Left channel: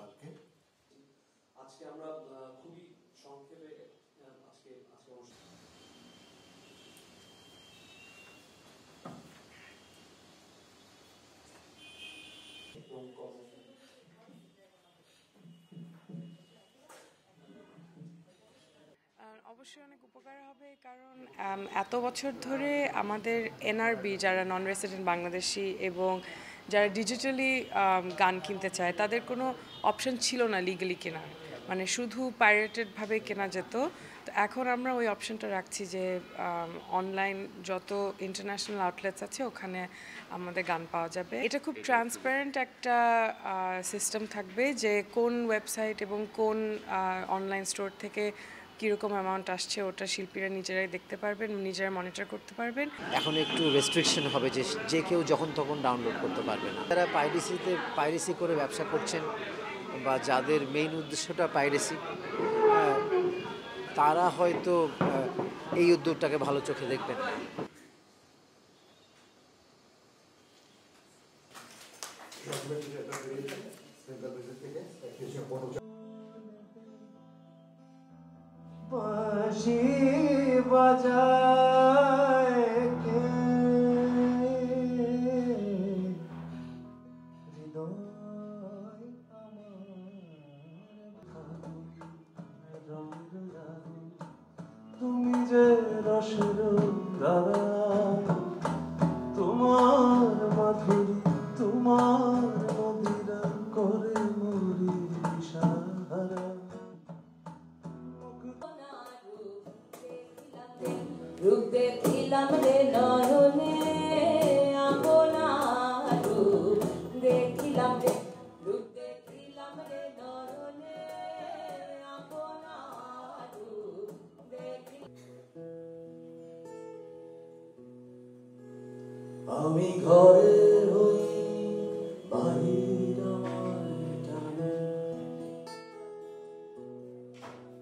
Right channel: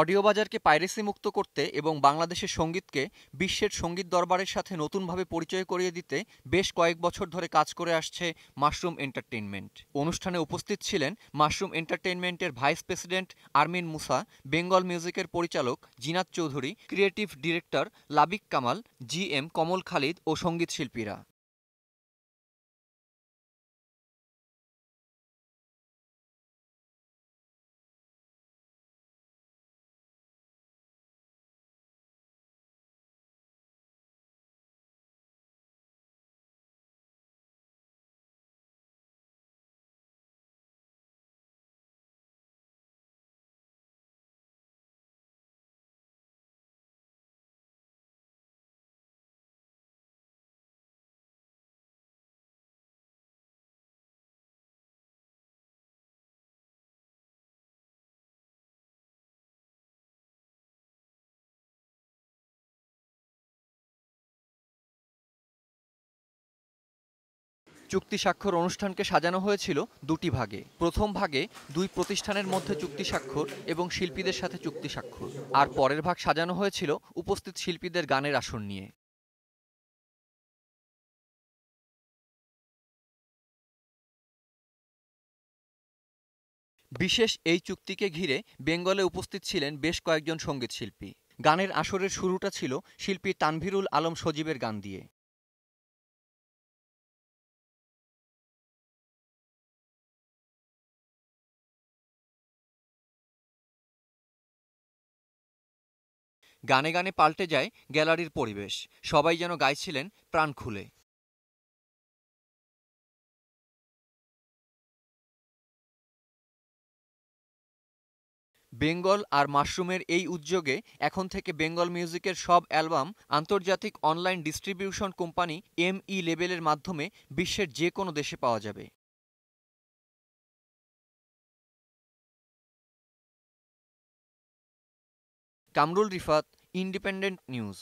Audio বাজারকে piracy মুক্ত করতে এবং বাংলাদেশের সঙ্গীতকে বিশ্বের সঙ্গীত দরবারের সাথে নতুনভাবে পরিচয় করিয়ে দিতে বেশ কয়েক বছর ধরে কাজ করে আসছে মাশরুম এন্টারটেইনমেন্ট। অনুষ্ঠানে উপস্থিত ছিলেন মাশরুম এন্টারটেইনমেন্টের ভাইস প্রেসিডেন্ট আরমিন মুসা, বেঙ্গল মিউজিকের পরিচালক Zinat Chowdhury, creative director Labik Kamal, GM Kamal Khalid ও সঙ্গীত শিল্পীরা। এত বছর ধরে আমাদের এনআরবি যারা নন রেসিডেন্ট বাংলাদেশি এবং যারা ডিজিটালি গান কিনতে চায় তাদের কোনো অপশন ছিল না লিগালি কেনার, মানে শুধু পাইরেটেডভাবে কেনা যেত। তো এখন আমরা ওই অপশনটা রাখছি যে অনলাইন যত ইন্টারন্যাশনাল আউটলেটস আছে ওখানে আমাদের গান পাওয়া যাবে। এটা খুব ট্রান্সপারেন্ট একটা সিস্টেম থাকবে যে কোন ওয়েবসাইট এবং কোন অনলাইন স্টোর থেকে কীরকম অ্যামাউন্ট আসছে ওটা শিল্পীরা নিজেরাই দেখতে পারবেন, নিজেরা মনিটর করতে পারবেন। এখন একটু রেস্ট্রিকশন হবে যে কেউ যখন তখন ডাউনলোড করতে পারবে না। যারা পাইরেসি করে ব্যবসা করছেন বা যাদের মেইন উদ্দেশ্যটা পাইরেসি, তারা হয়তো এই উদ্যোগটাকে ভালো চোখে দেখবেন। চুক্তি স্বাক্ষর অনুষ্ঠানকে সাজানো হয়েছিল দুটি ভাগে। প্রথম ভাগে দুই প্রতিষ্ঠানের মধ্যে চুক্তি স্বাক্ষর এবং শিল্পীদের সাথে চুক্তি স্বাক্ষর, আর পরের ভাগ সাজানো হয়েছিল উপস্থিত শিল্পীদের গানের আসর নিয়ে। বিশেষ এই চুক্তিকে ঘিরে বেঙ্গলে উপস্থিত ছিলেন বেশ কয়েকজন সঙ্গীত শিল্পী। গানের আসরের শুরুটা ছিল শিল্পী তানভীরুল আলম সজীবের গান দিয়ে। গানে গানে পাল্টে যায় গ্যালারির পরিবেশ, সবাই যেন গাইছিলেন প্রাণ খুলে। বেঙ্গল আর মাশরুমের এই উদ্যোগে এখন থেকে বেঙ্গল মিউজিকের সব অ্যালবাম আন্তর্জাতিক অনলাইন ডিস্ট্রিবিউশন কোম্পানি ME লেবেলের মাধ্যমে বিশ্বের যে কোনো দেশে পাওয়া যাবে। Kamrul Rifat, independent news.